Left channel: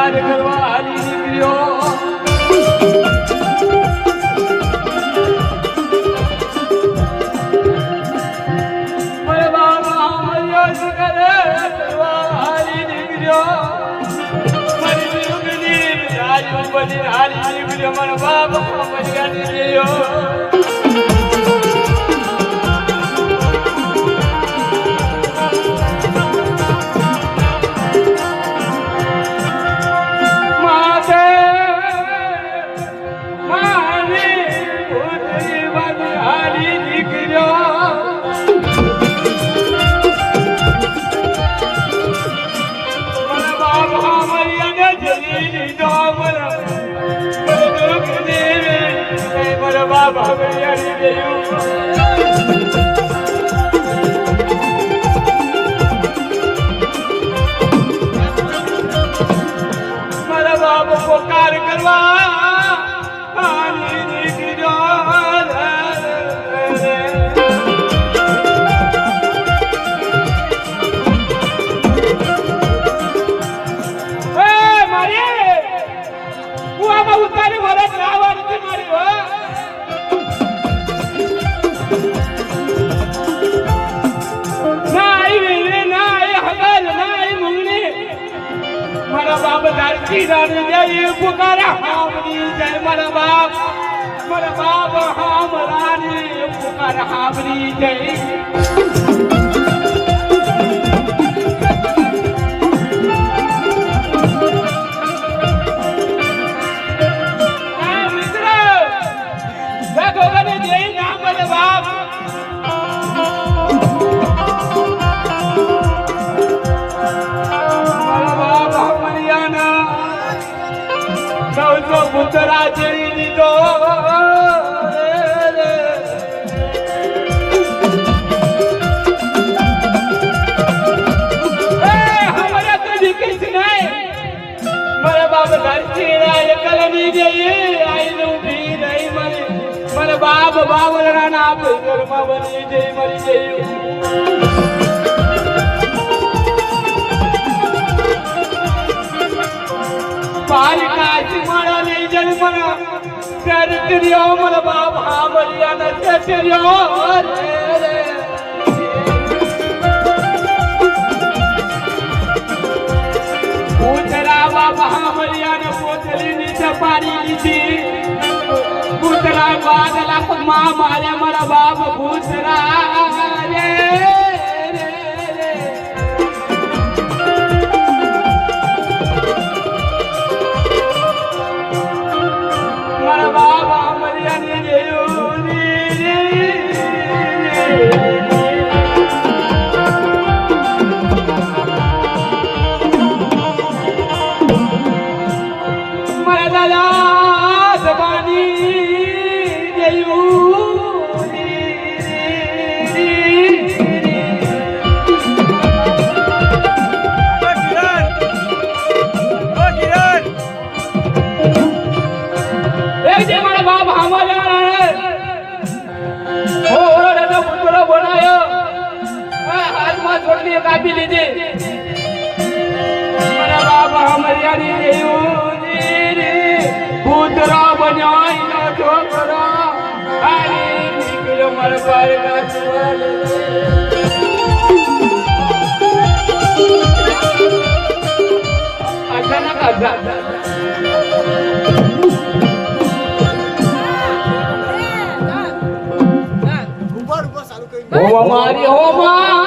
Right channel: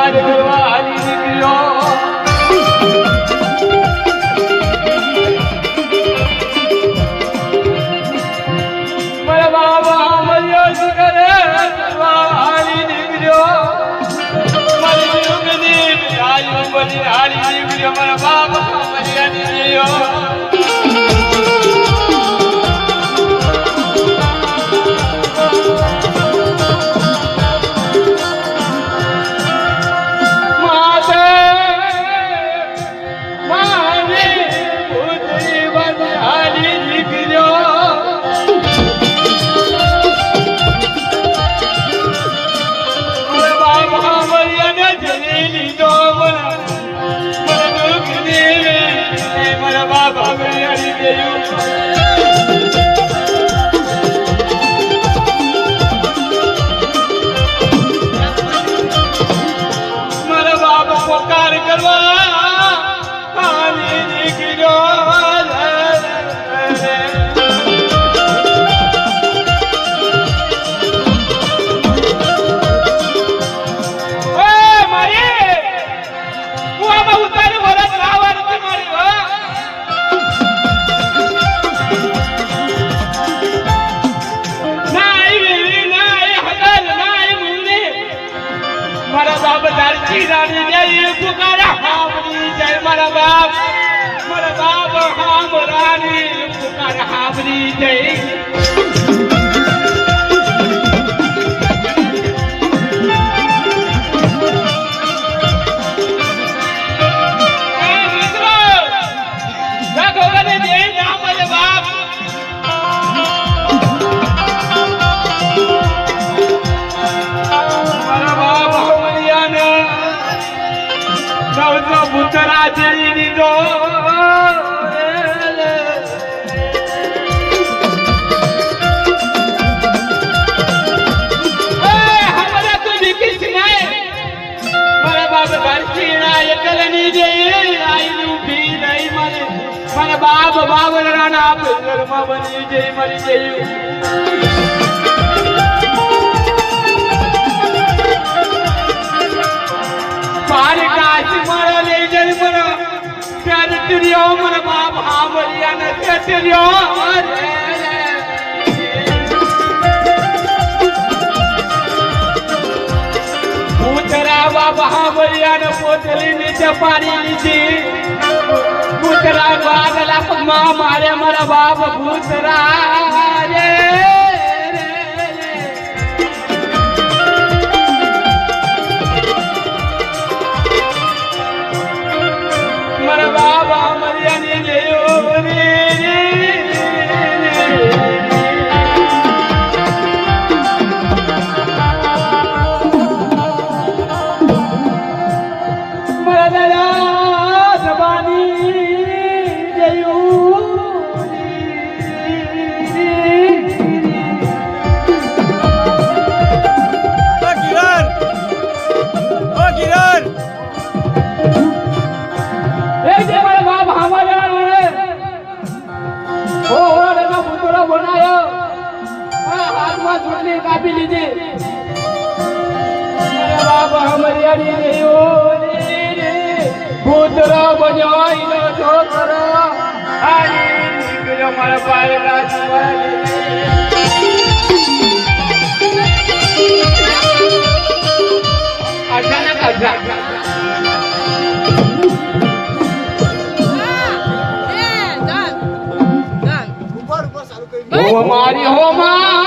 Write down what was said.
પુકાર કરવા હારી નીકળ્યો મારા બાબા મર્યો કરે કરવા હારી નીકળ્યો મારી યુગની રાયુ બની હારી નીકળ્યો મારા બાબા મર્યા નીકળ્યો બાબા બિયારી ગયું મારા બાબા પોકાર કરવા હારી નીકળ્યો ઉતારી વરસ રાવણ મારી મારા બાપ ધરતી રાણી જય પુકારા હામરી જય મારા બાપ હામરાની પુકારા હામરી જય પુતરા જેવી દીધો હમારા તો દીકરી નહીં મારા બાપ ધરતીના એકલની જઈ આઈનું ભી નહીં મારા બાપ બાવળાના ઘરમાં બની જઈ મરી જઈ મારી કાશી મારા લઈ જઈ મને ત્યારે તિર્યો મારા બાપ હાંભળ્યા નથી તિર્યો પૂતરા બાપ હાંભળ્યા ને પોતલી નીચે પાડી લીધી પૂતરા બાગલા પગમાં મારે મારા બાપ પૂતરા રે મારા બાબા મર્યાની મારા દાદા સબાની છોડને કાપી લીધી મારા બાબા મર્યાદી પુત્રો બન્યો ઈનો છોકરો હારી નીકળ્યો મારા પાય રાજવાલી અચાનક મારી હો માં